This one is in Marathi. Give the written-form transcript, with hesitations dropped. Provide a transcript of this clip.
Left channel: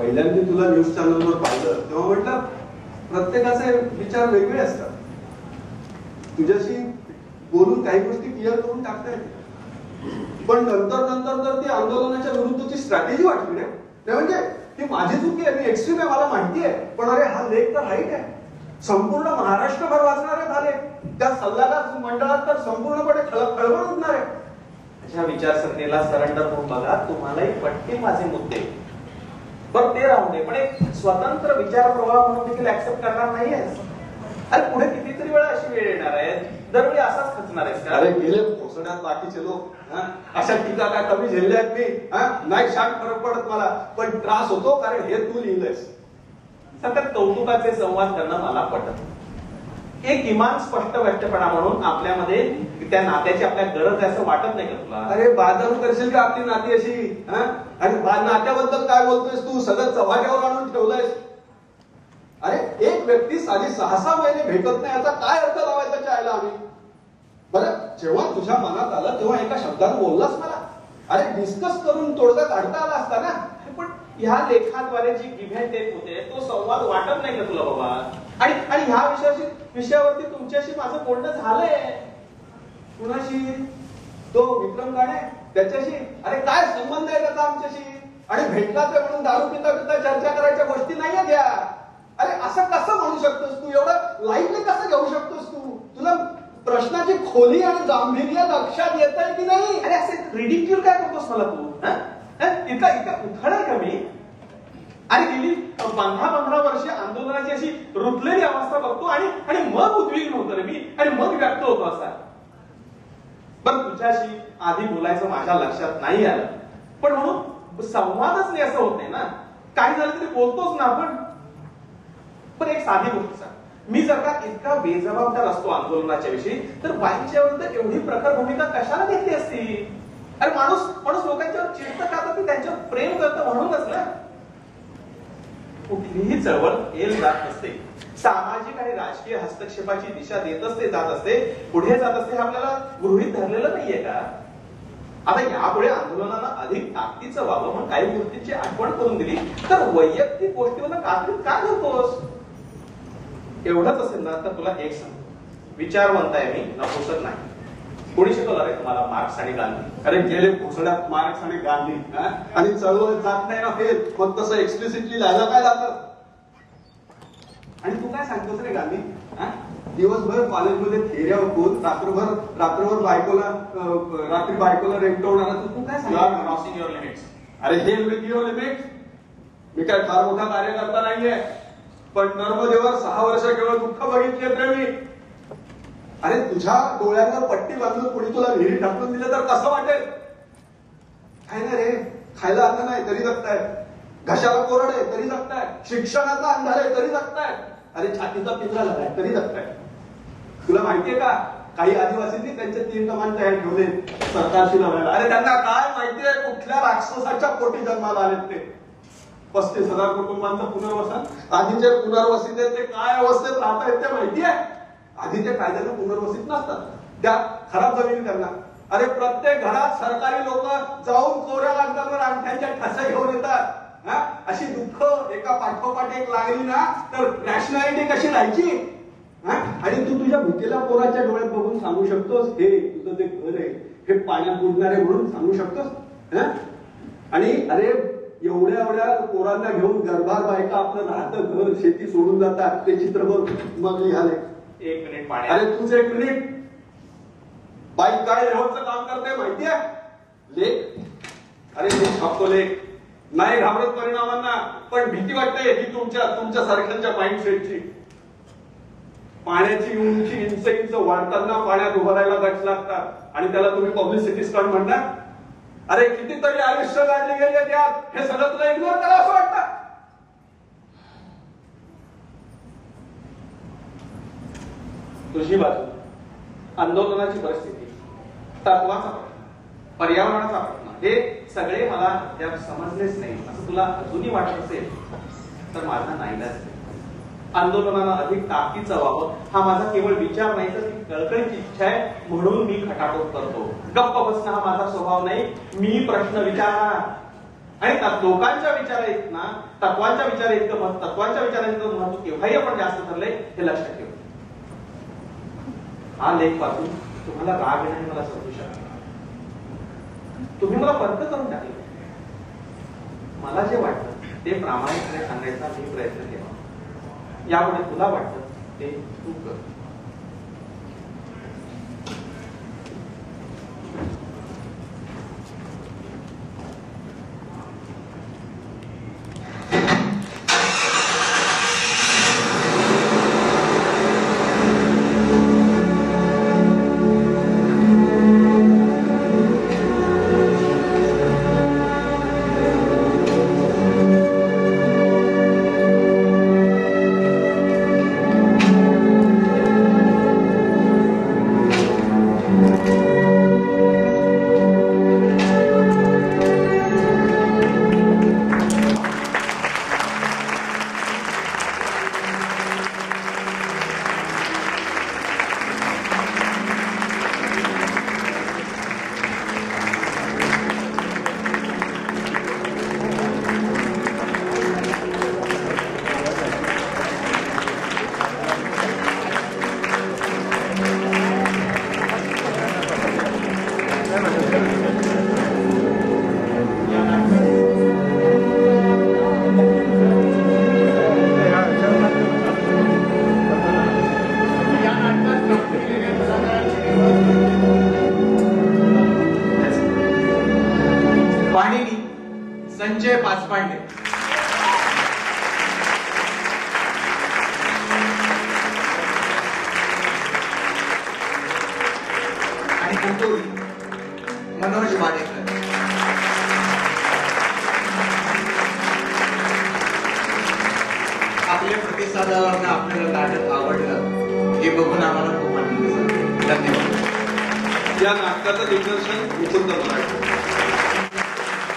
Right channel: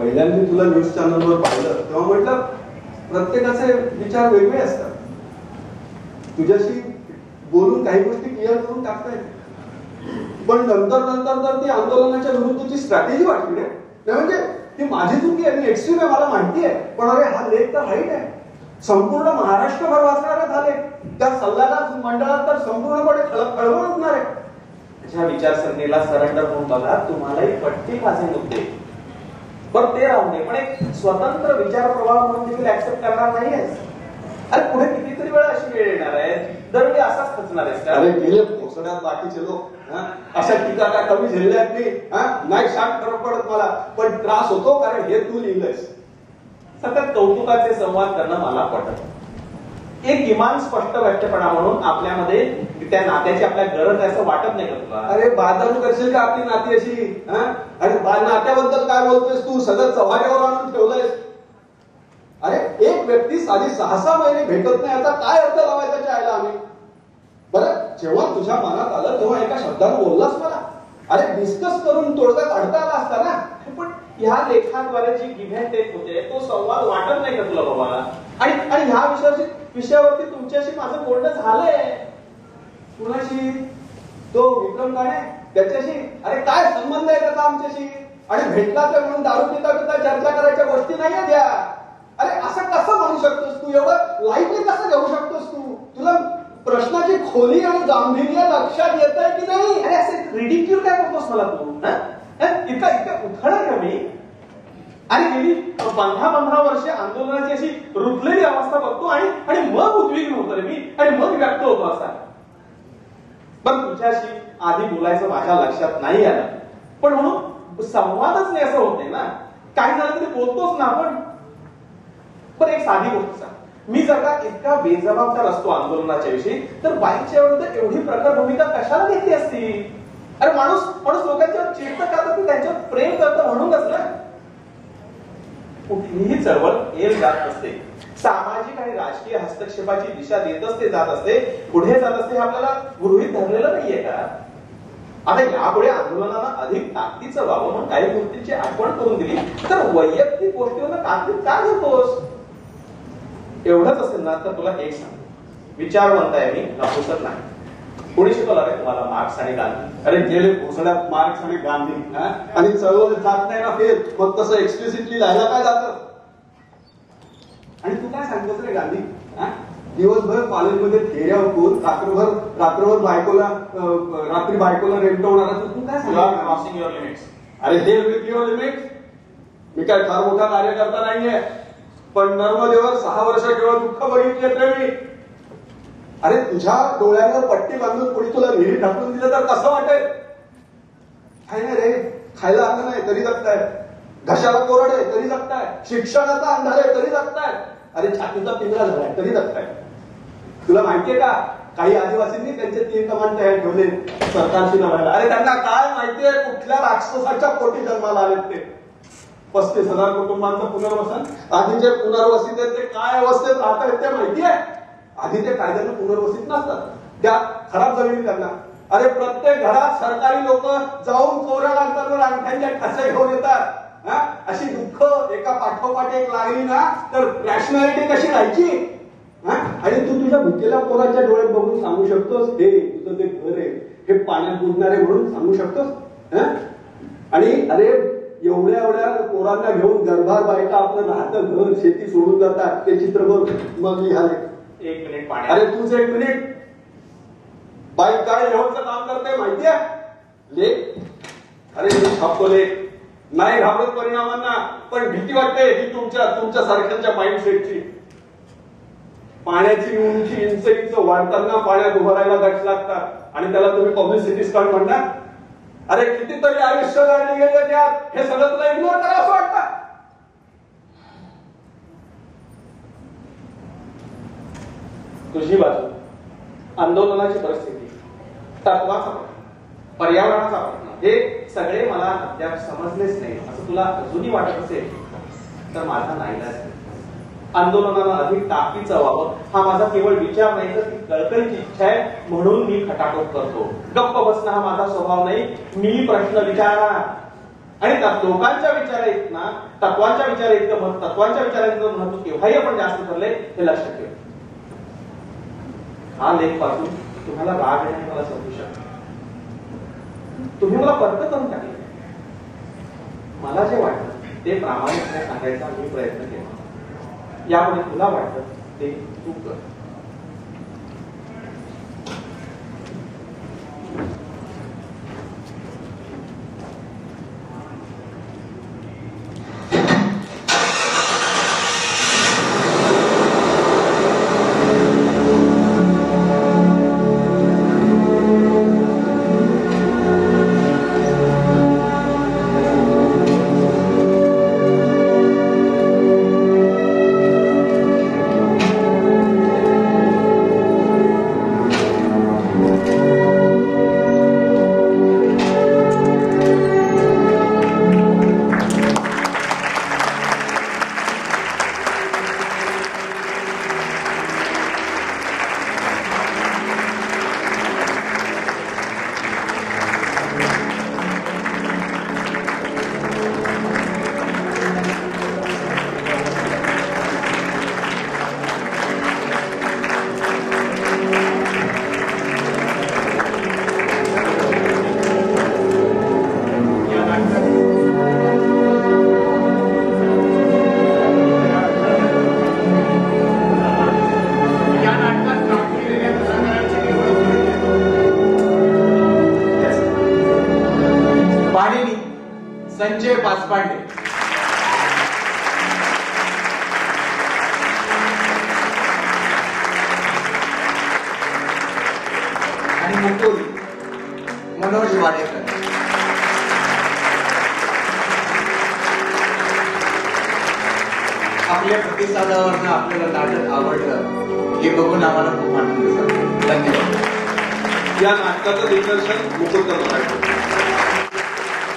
पहिल्यांदा तुला न्यूज चॅनलवर पाहिलं तेव्हा म्हटलं प्रत्येकाचे विचार वेगळे असतात. तुझ्याशी बोलून काही गोष्टी क्लिअर करून टाकता येते, पण नंतर तर ती आंदोलनाच्या विरुद्धची स्ट्रॅटेजी वाटली रे. म्हणजे ती माझी चुकी आहे, मी एक्स्ट्रीम आहे, मला माहिती आहे, पण अरे हा लेख तर राईट आहे. संपूर्ण महाराष्ट्रभर वाचणारे झाले, त्या सल्लागार मंडळात तर संपूर्णपणे खळबळ उठणार आहे. माझ्या विचारसरणीला सरेंडर होऊन बघा, तुम्हालाही पटतील माझे मुद्दे. बरं ते राहून दे, पण एक स्वतंत्र विचार प्रवाह म्हणून देखील ऍक्सेप्ट करणार नाहीयेस. अरे पुढे कितीतरी वेळा अशी वेळ येणार आहे, दरवेळी असाच खचणार आहेस का? अरे गेले पोसड्यात बाकीचे लोक अशा टीका काय कमी झेलल्यात मी? नाही शांत फरक पडत मला, पण त्रास होतो कारण हे तू लिहिलंयस. सतत कौतुकाचे संवाद करणं मला पटत. एक किमान स्पष्ट व्यक्तपणा म्हणून आपल्यामध्ये त्या नात्याची आपल्याला गरज आहे असं वाटत नाही का तुला? अरे बाजारू करशील का आपली नाती अशी? आणि नात्याबद्दल काय बोलतोयस तू? सगळं चव्हाट्यावर आणून ठेवलंयस. अरे एक व्यक्ती साधी 6-6 महिने भेटत नाही, आता काय अर्थ लावायचा चायला आम्ही? बरं जेव्हा तुझ्या मनात आलं तेव्हा एका शब्दानं बोललास मला. अरे डिस्कस करून तोडगा काढता आला असता ना. पण ह्या लेखाद्वारे जी गिव्ह अँड टेक होते तो संवाद वाटत नाही का तुला बाबा? आणि ह्या विषयावरती तुमच्याशी माझं बोलणं झालंय. कुणाशी? तो विक्रम गाणे त्याच्याशी? अरे काय संबंध आहे त्याचा आमच्याशी? आणि भेटलाच म्हणून दारू पिता चर्चा करायच्या गोष्टी नाहीये त्या. अरे असं कसं म्हणू शकतोस तू? एवढं लाईटली कसं घेऊ शकतोस तू? तुला प्रश्नाची खोली आणि गांभीर्य लक्षात येत आहे की नाही? अरे असे रिडिक्यूल काय करतोस मला तू? इतकं उठाणार का मी? आणि गेली 15 वर्षे आंदोलनाची अशी रुतलेली अवस्था बघतो आणि मग उद्विग्न होतो रे मी, आणि मग व्यक्त होतो असा. पण तुझ्याशी आधी बोलायचं माझ्या लक्षात नाही आलं, पण म्हणून संवादच नाही असं होत नाही ना. काय झालं तरी बोलतोच ना आपण. पण एक साधी गोष्ट सांग, मी जर का इतका बेजबाबदार असतो आंदोलनाच्या विषयी तर बाईकच्या विरुद्ध एवढी प्रखर भूमिका कशाला घेतली असती? अरे माणूस लोकांच्यावर चिडतं का? तर ती त्यांच्यावर प्रेम करतं म्हणूनच ना. कुठलीही चळवळ एल जात नसते, सामाजिक आणि राजकीय हस्तक्षेपाची दिशा देतच ते जात असते, पुढे जात असते. हे आपल्याला गृहीत धरलेलं नाहीये का? आता यापुढे आंदोलनाला अधिक ताकदीचं व्हावं म्हणून काही गोष्टींची आठवण करून दिली तर वैयक्तिक गोष्टीवर कात्रीत का धरतोस? एवढंच असेल ना तर तुला एक सांग, विचारवंत आहे मी, नपुसक नाही. कोणी शिकवलं रे तुम्हाला मार्क्स आणि गांधी? अरे गेले पोसड्यात मार्क्स आणि गांधी आणि चळवळ जात नाही ना फेल, मग तसं एक्सप्लिसिटली लिहायला काय जातं? आणि तू काय सांगतोस रे गांधी? दिवसभर कॉलेजमध्ये फेऱ्या हुकून रात्रभर रात्री बायकोला रेमटवणार असं तू काय सांगतो? Crossing your limits. अरे हे विथ युअर लिमिट्स. मी काय फार मोठा कार्यकर्ता नाहीये, पण नर्मदेवर 6 वर्ष केवळ दुःख बघितले रे मी. अरे तुझ्या डोळ्यांवर पट्टी बांधून कुणी तुला विहिरीत ढकलून दिलं तर कसं वाटेल? काय नाही रे, खायला अन्न नाही तरी जगताय, घशाला कोरड आहे तरी जगताय, शिक्षणाचा अंधार आहे तरी जगताय, अरे छातीचा पिंजरा झालाय तरी जगताय. तुला माहितीये का काही आदिवासींनी त्यांचे 3 कमान तयार ठेवले सरकारशी लढायला. अरे त्यांना काय माहितीये कुठल्या राक्षसाच्या पोटी जन्माला आलेत ते. 35,000 कुटुंबांचं पुनर्वसन. आधी जे पुनर्वसित आहेत ते काय अवस्थेत राहत आहेत ते माहितीये? आधीच्या कायद्यानं पुनर्वसित नसतात, त्या खराब जमिनी त्यांना. अरे प्रत्येक घरात सरकारी लोक जाऊन कोऱ्या लागताना अंगठ्यांच्या ठसे घेऊन येतात. अशी दुःख एका पाठोपाठ एक लागली ना तर रॅशनॅलिटी कशी राहायची? आणि तू तुझ्या भुकेल्या पोराच्या डोळ्यात बघून सांगू शकतोस हे तुझं ते घर आहे, हे पाण्यात बुडणारे म्हणून सांगू शकतोस? आणि अरे एवढ्या पोरांना घेऊन गरबार बायका आपलं राहतं घर शेती सोडून जातात, ते चित्र बघ मग लिहाले. 1 मिनिट पाणी. अरे तुझं 1 मिनिट. बाई काय रेवचं काम करते माहितीये? लेख. अरे मी छापतो लेख, नाही घाबरत परिणामांना, पण भीती वाटते ही तुमच्या सारख्यांच्या माइंडसेटची. पाण्याची उंची इंच वाढताना पाण्यात उभं राहायला गट लागतात आणि त्याला तुम्ही पब्लिसिटी स्टंट म्हणता. अरे कितीतरी आयुष्य काढले गेले त्यात, हे सगळं तुला इग्नोर करा असं वाटतं? तुझी बाजू, आंदोलनाची परिस्थिती, तत्वाचा प्रश्न, पर्यावरणाचा प्रश्न, हे सगळे मला अद्याप समजलेच नाही असं तुला अजूनही वाटत असेल तर माझा नाईलाज आहे. आंदोलनाला अधिक ताकदीचं व्हावं हा माझा केवळ विचार नाही तर ती कळकळीची इच्छा आहे, म्हणून मी खटाटोप करतो. गप्प बसणं हा माझा स्वभाव नाही. मी प्रश्न विचारणार, आणि लोकांच्या विचारांना तत्वांच्या विचारांचं महत्व केव्हाही आपण जास्त ठरलंय हे लक्षात ठेवा. हा लेख वाचून तुम्हाला राग येणे मला समजू शकतो. तुम्ही मला पर्क करून टाकले. मला जे वाटतं ते प्रामाणिकपणे सांगायचा मी प्रयत्न केला. यामध्ये तुला वाटतं ते तू कर. संजय पाचपांडे. आणि मुकुल मनोज वाडेकर. आपल्या प्रतिसादावरनं आपल्याला नाटक आवडलं हे बघून आम्हाला खूप आनंद झाला. धन्यवाद. या नाटकाचं दिग्दर्शन मुकुंद मराठे.